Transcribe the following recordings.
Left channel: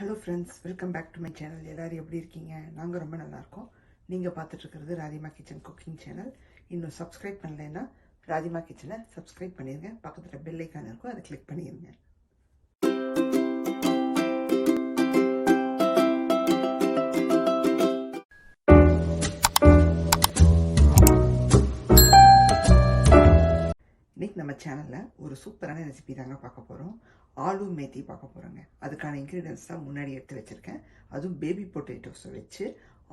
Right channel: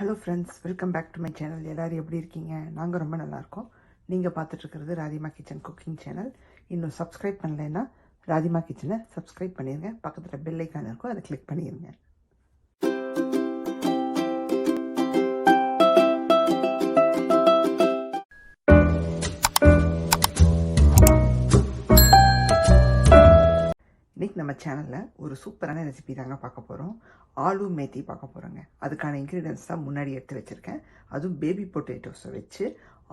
Hello friends, welcome back to my channel. எல்லாரும் எப்படி இருக்கீங்க? நாங்க ரொம்ப நல்லா இருக்கோம். நீங்க பார்த்துட்டு இருக்கிறது ராதிமா கிச்சன் குக்கிங் சேனல். இன்னும் சப்ஸ்கிரைப் பண்ணலைன்னா ராதிமா கிச்சனை சப்ஸ்கிரைப் பண்ணிருங்க. பக்கத்துல பெல் ஐகான் இருக்கும், அதை கிளிக் பண்ணிருங்க. இன்னைக்கு நம்ம சேனலில் ஒரு சூப்பரான ரெசிபி தாங்க பார்க்க போகிறோம். ஆலு மேத்தி பார்க்க போகிறோங்க. அதுக்கான இன்க்ரீடியன்ஸ் தான் முன்னாடி எடுத்து வச்சுருக்கேன். அதுவும் பேபி பொட்டேட்டோஸை வச்சு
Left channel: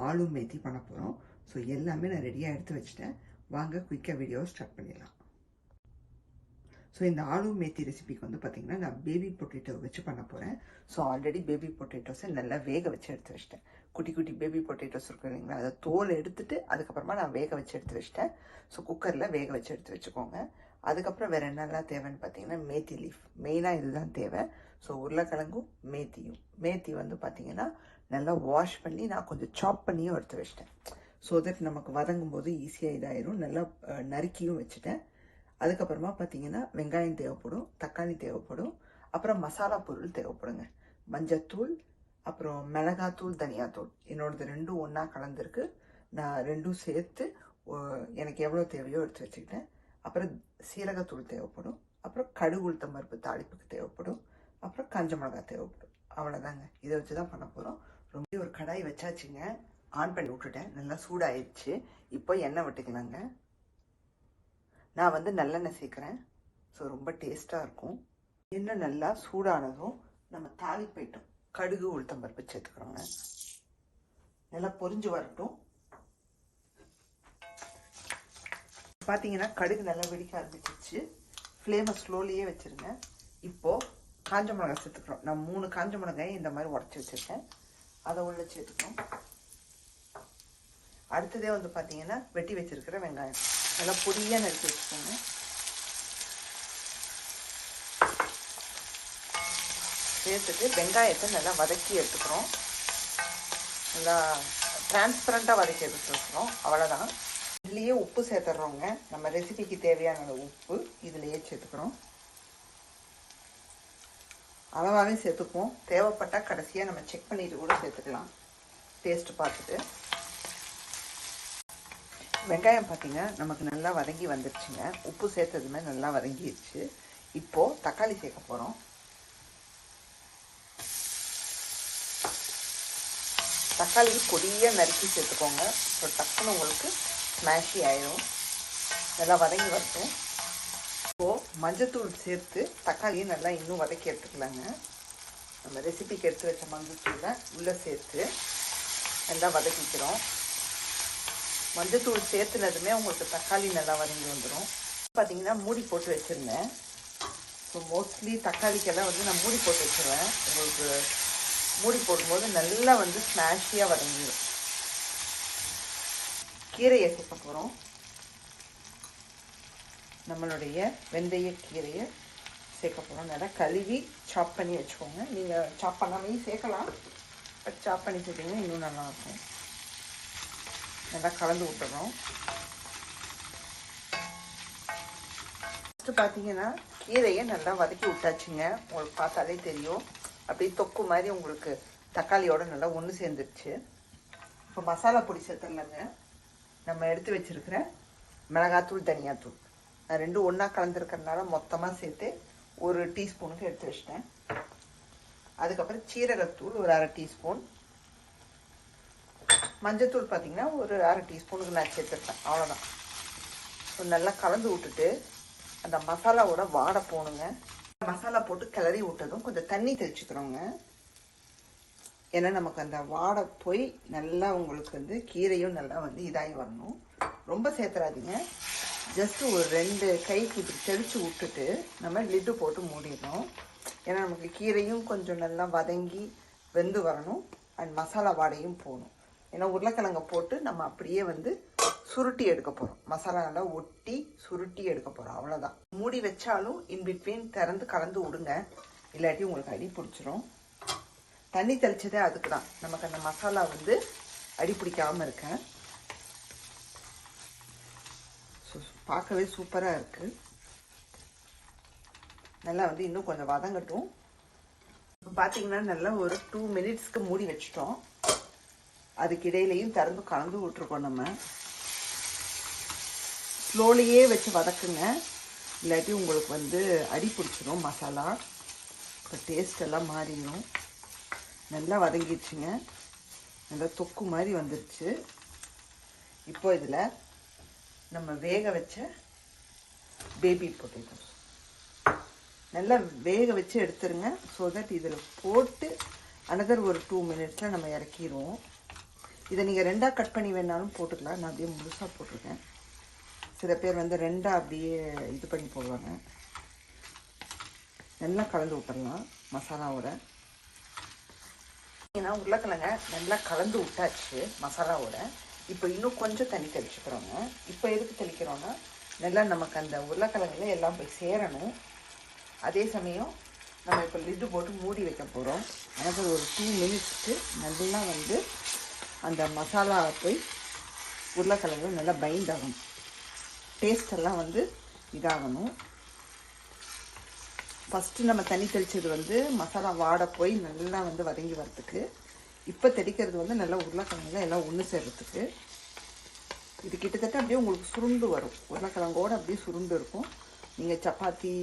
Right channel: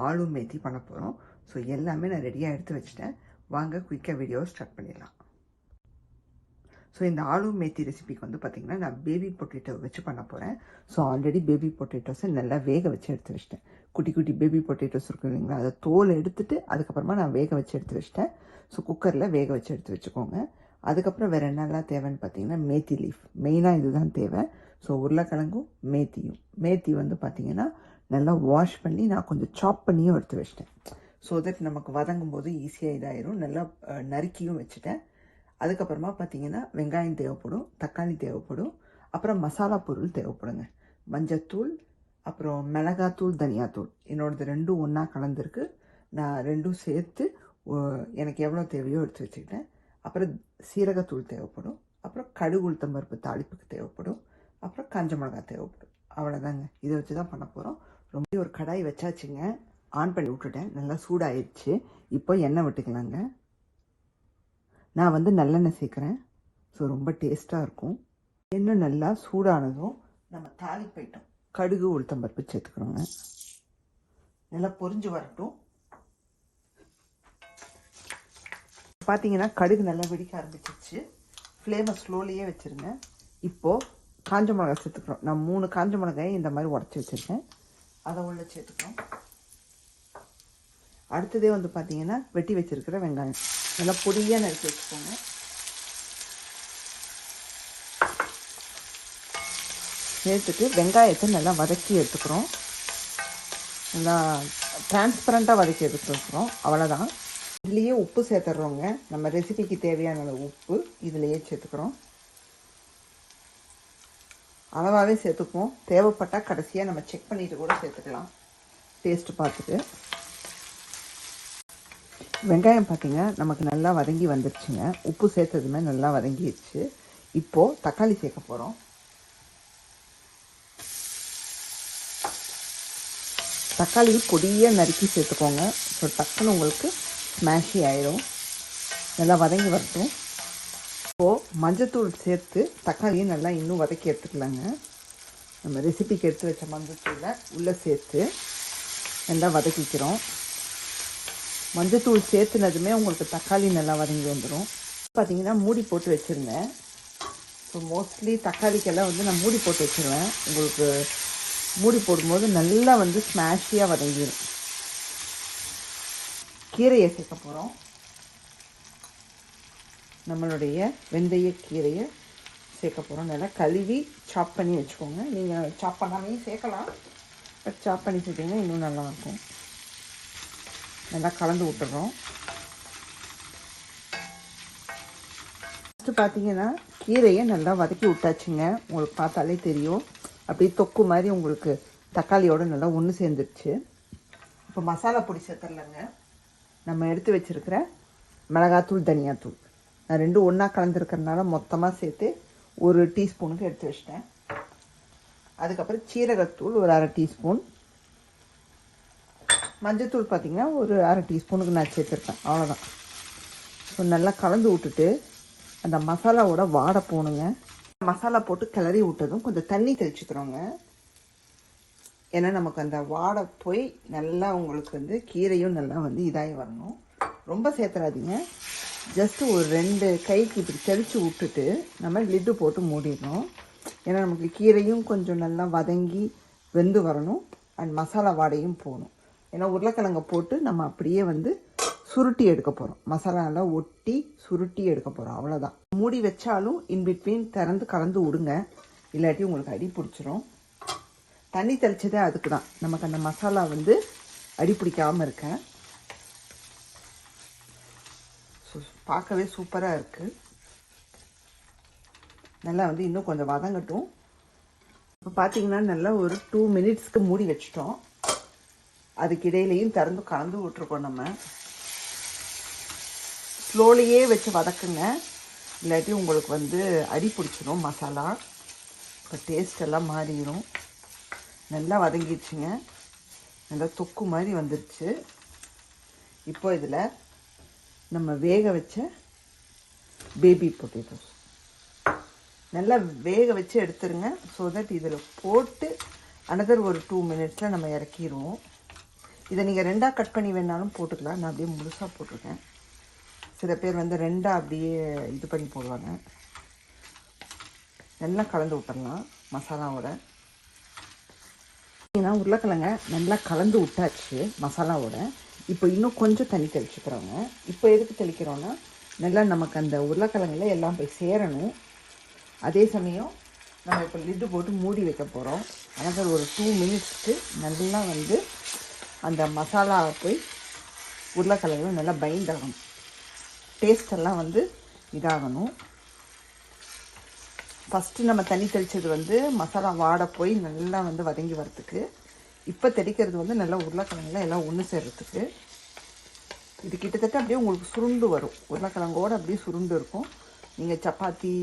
ஆலு மேத்தி பண்ண போகிறோம். ஸோ எல்லாமே நான் ரெடியாக எடுத்து வச்சுட்டேன். வாங்க குயிக்காக வீடியோவை ஸ்டார்ட் பண்ணிடலாம். ஸோ இந்த ஆலு மேத்தி ரெசிபிக்கு வந்து பார்த்திங்கன்னா நான் பேபி பொட்டேட்டோ வச்சு பண்ண போகிறேன். ஸோ ஆல்ரெடி பேபி பொட்டேட்டோஸை நல்லா வேக வச்சு எடுத்து வச்சிட்டேன். குட்டி குட்டி பேபி பொட்டேட்டோஸ் இருக்கும் இல்லைங்களா, அதை தோல் எடுத்துட்டு அதுக்கப்புறமா நான் வேக வச்சு எடுத்து வச்சிட்டேன். ஸோ குக்கரில் வேக வச்சு எடுத்து வச்சுக்கோங்க. அதுக்கப்புறம் வேறு என்னெல்லாம் தேவைன்னு பார்த்தீங்கன்னா மேத்தி லீஃப், மெயினாக இதுதான் தேவை. ஸோ உருளைக்கிழங்கும் மேத்தி வந்து பார்த்திங்கன்னா நல்லா வாஷ் பண்ணி நான் கொஞ்சம் சாப் பண்ணியும் எடுத்து வச்சிட்டேன். ஸோ தட் நமக்கு வதங்கும் போது ஈஸியாக இதாயிரும். நல்லா நறுக்கியும் வச்சுட்டேன். அதுக்கப்புறமா பார்த்தீங்கன்னா வெங்காயம் தேவைப்படும், தக்காளி தேவைப்படும், அப்புறம் மசாலா பொருள் தேவைப்படுங்க. மஞ்சத்தூள், அப்புறம் மிளகாத்தூள், தனியாத்தூள். என்னோடது ரெண்டும் ஒன்றா கலந்துருக்கு. நான் ரெண்டும் சேர்த்து எனக்கு எவ்வளோ தேவையோ எடுத்து வச்சுக்கிட்டேன். அப்புறம் சீரகத்தூள் தேவைப்படும், அப்புறம் கடுகு உளுத்தம் பருப்பு தாளிப்புக்கு தேவைப்படும், அப்புறம் காஞ்ச மிளகாய் தேவைப்படும். அவ்வளோதாங்க. இதை வச்சு தான் பண்ண போகிறோம். ரொம்ப ஒரு கடாய் வச்சாச்சுங்க. ஆன் பண்ணி விட்டுட்டேன். நல்லா சூடாயிடுச்சு. இப்போ எண்ணெய் விட்டுக்கலாங்க. நான் வந்து நல்லெண்ணெய் சேர்க்குறேன். ஸோ ரொம்ப டேஸ்ட்டாக இருக்கும். எண்ணெய் நல்லா சூடானதும் நம்ம தாளிப்பைட்டோம் கடுகு உளுத்தம் பருப்பு சேர்த்துக்கிறோங்க. நல்லா பொரிஞ்சு வரட்டும். பார்த்தீங்கன்னா கடுகு நல்லா வெடிக்க ஆரம்பிச்சிச்சு. ஃப்ளேமை ஸ்லோலியே வச்சுருங்க. இப்போது காஞ்ச மிளகாய் சேர்த்துக்கிறோம். நான் 3 காஞ்ச மிளகாயை இந்த மாதிரி உடச்சி வச்சுருக்கேன். அதை உள்ளே சேர்த்துக்கிறோம். அடுத்ததே வந்து பார்த்தீங்கன்னா வெட்டி வச்சுருக்கிற வெங்காயம் நல்லா பொடியாக நறுக்கி வச்சுக்கோங்க. சேர்த்துட்டு வெங்காயத்தை நல்லா வதக்கி எடுத்துக்கிறோம். நான் டிரான்ஸ்பரண்ட்டாக வதக்கி எடுத்துக்கிறோம். அவ்வளோதான். இதுலேயே உப்பு சேர்த்துடுறோங்க. நம்ம ரெசிபிக்கு தேவையான உப்பு இதுலேயே சேர்த்துக்கிறோம். அளவாகவே சேர்த்துப்போம். தேவைப்பட்டால் கடைசியாக நம்ம செக் பண்ணிட்டு கூட சேர்த்துக்கலாம், டேஸ்ட்டு பார்த்துட்டு. வெங்காயம் பார்த்தீங்கன்னா நமக்கு நல்லா வதங்கி வந்துடுச்சுங்க. உப்பு சேர்த்ததுமே நல்லா வதங்கிடுச்சு. இப்போது தக்காளி சேர்க்க போகிறோம். தக்காளி பொடியாக நறுக்கி சேர்த்துக்கோங்க. ஸோ டக்குன்னு உங்களுக்கு ஸ்மாஷி ஆயிடும். நல்லா வதங்கி வரட்டும். இப்போது மஞ்சத்தூள் சேர்த்து தக்காளியை நல்லா இன்னும் வதக்கி எடுத்துக்கலாங்க. நம்ம ரெசிபிக்கு எடுத்து வச்ச மஞ்சத்தூளை உள்ளே சேர்த்து நல்லா வதக்கிக்கிறோம். மஞ்சத்தூள் சேர்த்துனதுமே உங்களுக்கு தக்காளி நல்லா வதங்கி வந்துடும். பார்த்தீங்கன்னா மூடி போட்டு வச்சுருந்தேன். ஸோ மோஸ்ட்லி தக்காளிக்கெல்லாம் வந்து நான் மூடி போட்டு வச்சுருவேன். உங்களுக்கு மூடி போடும்போது நல்லா வந்து ஸ்மாஷியாக வதங்கிடும். கீரையை சேர்க்க போகிறோம். நம்மளுடைய வெந்தய கீரையை சேர்க்க போகிறோம். நல்லா கழுவி சாப் பண்ணி வச்சுக்கோங்க. நீங்கள் சாப் பண்ணாமே சேர்க்கலாம், பட் சாப் பண்ணி சேர்த்திங்கன்னா இன்னும் நல்லாயிருக்கும். நல்லா கலந்து விட்டுடுறோம். ஃபஸ்ட்டு பார்த்தீங்கன்னா கீரையை நல்லா வதக்கி விட்டாச்சுங்க. உங்களுக்கு பார்த்தாலே தெரியும், அப்படியே தொக்கு மாதிரி உங்களுக்கு தக்காளியோடு நல்லா ஒன்று சேர்ந்துருச்சு. இப்போ மசாலா பொடி சேர்த்துடலங்க. நம்ம எடுத்து வச்சுருக்கிற மிளகாத்தூள், தனியாத்தூள், நான் ரெண்டும் ஒன்றா கலந்துருக்கிறதுனால மொத்தமாக சேர்த்து 1 டீஸ்பூனுக்கு எடுத்து வச்சிட்டேன். அதுக்கப்புறம் சீரகத்தூள் ஒரு 1/2 டீஸ்பூன், மஞ்சத்தூள் பார்த்திங்கன்னா ஒரு 1/2 டீஸ்பூனுக்கு நான் சேர்த்துருக்கேன். அவ்வளோதான். ஸோ நல்லா கலந்து விட்டுட்டு அந்த மசாலாவோட வாடை போகணுங்க. மசாலா போட்டு கிளறி விட்டதும் கொஞ்சம் தண்ணி தெளிச்சுக்கிறோங்க. ஏன்னா நமக்கு அந்த வாடை போய் நல்லா உங்களுக்கு வந்து கீரையும் நல்லா வந்து இதாகி வரணும். ரொம்ப சேர்த்துறாதீங்க. ஜஸ்ட்டு ஒரு 2 கைக்கு இப்படி தெளித்து விட்டுட்டு நம்ம லிட்டு போட்டு மூடிடணும். ஏன்னா நமக்கு கீரையும் கொஞ்சம் நல்லா வதங்கி வெந்து வரணும். அண்ட் மசாலா வாடையும் போகணும். ஏன்னா உருளைக்கிழங்கை போட்டு நம்ம அப்படியே வந்து சுருட்டி எடுக்க போகிறோம். மசாலா நல்லா ஒட்டி சுருட்டி எடுக்க போகிறோம். அவ்வளோதான். மூடி வச்சாலும் இன்பிட்வீன் திறந்து கலந்து விடுங்க, இல்லாட்டி உங்களுக்கு அடி பிடிச்சிரும். தண்ணி தெளிச்சதே அதுக்கு தான், நமக்கு அந்த மசாலா வந்து அடி பிடிக்காமல் இருக்க. ஸோ பார்க்கவே சூப்பராக இருக்குது. நல்லா வந்து இன்னும் கொஞ்சம் வதங்கட்டும். இப்போ பார்த்தீங்கன்னா நல்லா ஒரு 2 மினிட்ஸ்க்கு மூடி வச்சிட்டோம். அதுக்கு இடையிலையும் திறந்து கலந்து விட்டுருக்கோம். நம்ம ஸ்லோலியே வச்சு வதக்குங்க, இல்லாட்டி உங்களுக்கு வந்து அடி பிடிச்சிடும் மசாலா. இப்போ டேஸ்ட் எல்லாம் மாறிடும். நல்லா வதங்கிடுச்சுங்க, நல்லா தொக்கு மாதிரி வந்துருச்சு. இப்போ இதில் நம்ம வேக வச்ச பேபி பொட்டேட்டோஸ் நல்லா வேக வச்சு எடுத்துருங்க. ஸோ தட் இதில் போட்டு அனதர் ஒரு 2 மினிட்ஸில் நம்ம இறக்கிடுவோம். இதை நீங்கள் ரெண்டாக கட் பண்ணி வேணாலும் போட்டுக்கலாம். நான் அப்படியே முழுசாக போட்டிருக்கேன். சில பேர் வந்து ரெண்டாக அப்படியே இது பண்ணி போடுவாங்க. நல்லா கலந்து விட்டுடலாம் மசாலாவோட. ஏன்னா உருளைக்கிழங்க நல்லா கலந்து விட்டாச்சு மசாலாவோட. இப்போ இன்னும் கொஞ்சம் தண்ணி தெளிச்சுக்கிறோங்க. இப்போ எதுக்கு தெளிக்கிறோன்னா நல்லா நமக்கு அந்த உருளைக்கிழங்குல எல்லாம் போய் சேரணும். அதே சமயம் நம்ம இப்போ லிட்டு போட்டு மூடி வைக்க போகிறோம். அதாவது ஒரு 2 மினிட்ஸ்க்கு நல்லா வந்து அந்த மசாலா போய் உருளைக்கிழங்கு நல்லா பைண்ட் ஆகணும். டேஸ்டெல்லாம் வந்து இதாகணும். ஃபஸ்ட்டு நம்ம தண்ணி தெளித்தது வந்து மசாலா வாடை போய் நல்லா வந்து வதங்கி வரத்துக்கு. இப்போ தெளிக்கிறது வந்து நல்லா உருளைக்கிழங்குல எல்லாம் ஒன்று சேர்றதுக்கு. இது கிட்டத்தட்ட அப்படியே உங்களுக்கு சுருண்டு வரும். உருளைக்கிழங்கோடு அப்படியே சுருண்டு இருக்கும். நீங்கள் சப்பாத்தி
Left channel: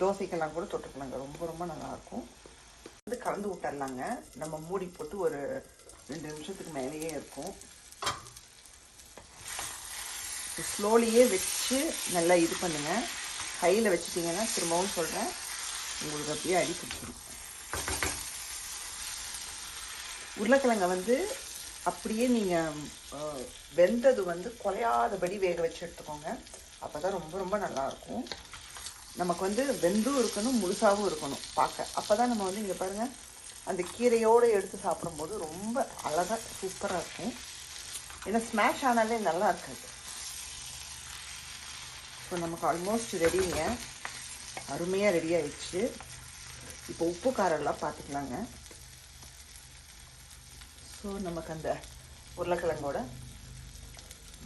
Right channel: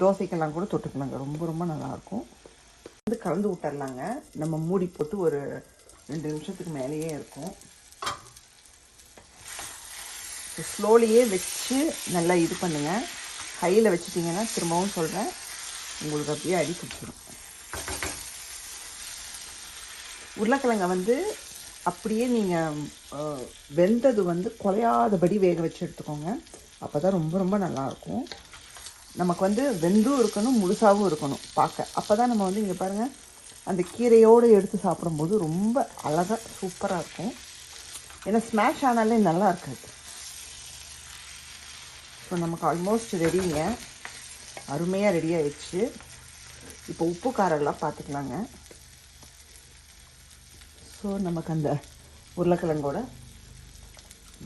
தோசைக்கெல்லாம் கூட தொட்டுக்கலாங்க. ரொம்ப ரொம்ப நல்லாயிருக்கும். வந்து கலந்து விட்டுறலாங்க. நம்ம மூடி போட்டு ஒரு 2 நிமிஷத்துக்கு மேலேயே இருக்கும். ஸ்லோலியே வச்சு நல்லா இது பண்ணுங்கள். கையில் வச்சுட்டிங்கன்னா திரும்பவும் சொல்கிறேன், உங்களுக்கு அப்படியே அடி பிடிச்சிடும். உருளைக்கிழங்கை வந்து அப்படியே நீங்கள் வெந்தது வந்து குறையாதபடி வேக வச்சு எடுத்துக்கோங்க. அப்போ தான் ரொம்ப ரொம்ப நல்லாயிருக்கும். நமக்கு வந்து வெந்தும் இருக்கணும், முழுசாகவும் இருக்கணும் பார்க்க. அப்போ தான் நம்ம வந்து இங்கே பாருங்கள், அந்த கீரையோடு எடுத்து சாப்பிடும்போது ரொம்ப அழகாக சூப்பராக இருக்கும். ஏன்னா ஸ்மாஷ் ஆனாலே நல்லா இருக்காது. இப்போ நமக்கு ஆல்மோஸ்ட் ரெடிங்க, அருமையாக ரெடி ஆயிடுச்சு. இப்போ உப்பு காரெல்லாம் பார்த்துக்கலாங்க. ஸோ நமக்கு அந்த உருளைக்கிழங்கோட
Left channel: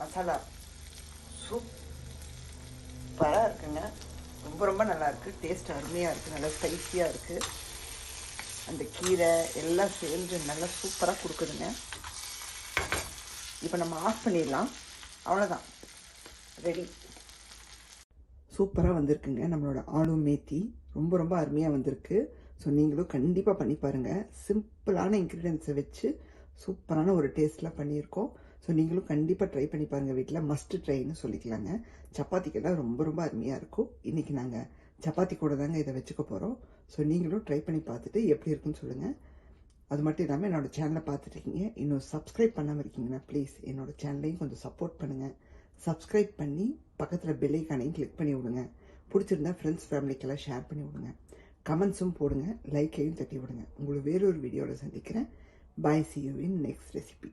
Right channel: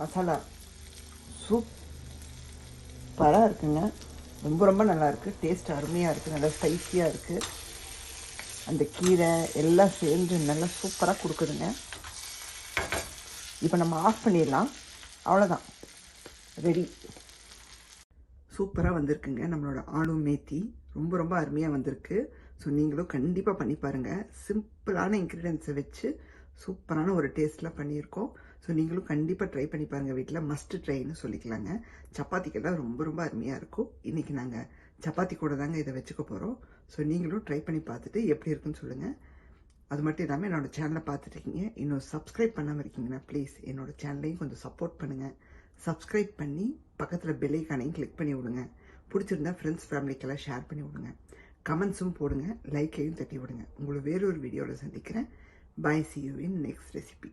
மசாலா சூப்பராக இருக்குங்க. ரொம்ப ரொம்ப நல்லாயிருக்கு. டேஸ்ட் அருமையாக இருக்குது. நல்லா ஸ்பைஸியாக இருக்குது. அந்த கீரை எல்லாம் சேர்ந்து நல்லா சூப்பராக கொடுக்குதுங்க. இப்போ நம்ம ஆஃப் பண்ணிடலாம். அவ்வளோதான், ரெடி. சூப்பராக வந்திருக்குங்க நம்மளோட ஆலு மேத்தி. ரொம்ப ரொம்ப அருமையாக வந்திருக்கு. ஸோ நீங்களும் கண்டிப்பாக பண்ணி பாருங்கள். சிம்பிளான இன்க்ரீடியன்ஸை வச்சு சூப்பரான ஒரு டேஸ்ட்டில் பண்ணியிருக்கோம். ஸோ நீங்களும் கண்டிப்பாக ட்ரை பண்ணி பாருங்கள். வீட்டில் மஸ்ட் ட்ரைன்னு சொல்லிக்கலாங்க. சப்பாத்திக்கெல்லாம் ரொம்ப ரொம்ப அருமையாக இருக்கும். இன்றைக்கி நாங்கள் சப்பாத்தி கூட தாங்க இதை வச்சுக்க போகிறோம். ஸோ நீங்களும் ட்ரை பண்ணி பார்த்துட்டு எப்படி இருக்குன்னு சொல்லுங்கள். அது மட்டும் இல்லாமல் என்னோடய சேனலை பார்த்துட்ருக்கீங்க, இன்னும் சப்ஸ்கிரைப் பண்ணாமல் இருக்கீங்கன்னா ப்ளீஸ் என்னோடய சேனலையும் கொஞ்சம் சப்போர்ட் பண்ணுங்கள். சப்ஸ்கிரைப் பண்ணி பக்கத்தில் பெல் ஐகானையும் கிளிக் பண்ணி விடுங்க. பிடிச்சிருந்தா ஃப்ரெண்ட்ஸ் ஃபேமிலிக்கெல்லாம் ஷேர் பண்ணி விடுங்க. கமெண்ட்ஸும் போடுங்க, லைக்கையும் தட்டி விடுங்க. உங்களை வேறொரு வீடியோவில் சந்திக்கிறேன். Bye, see you in next recipe.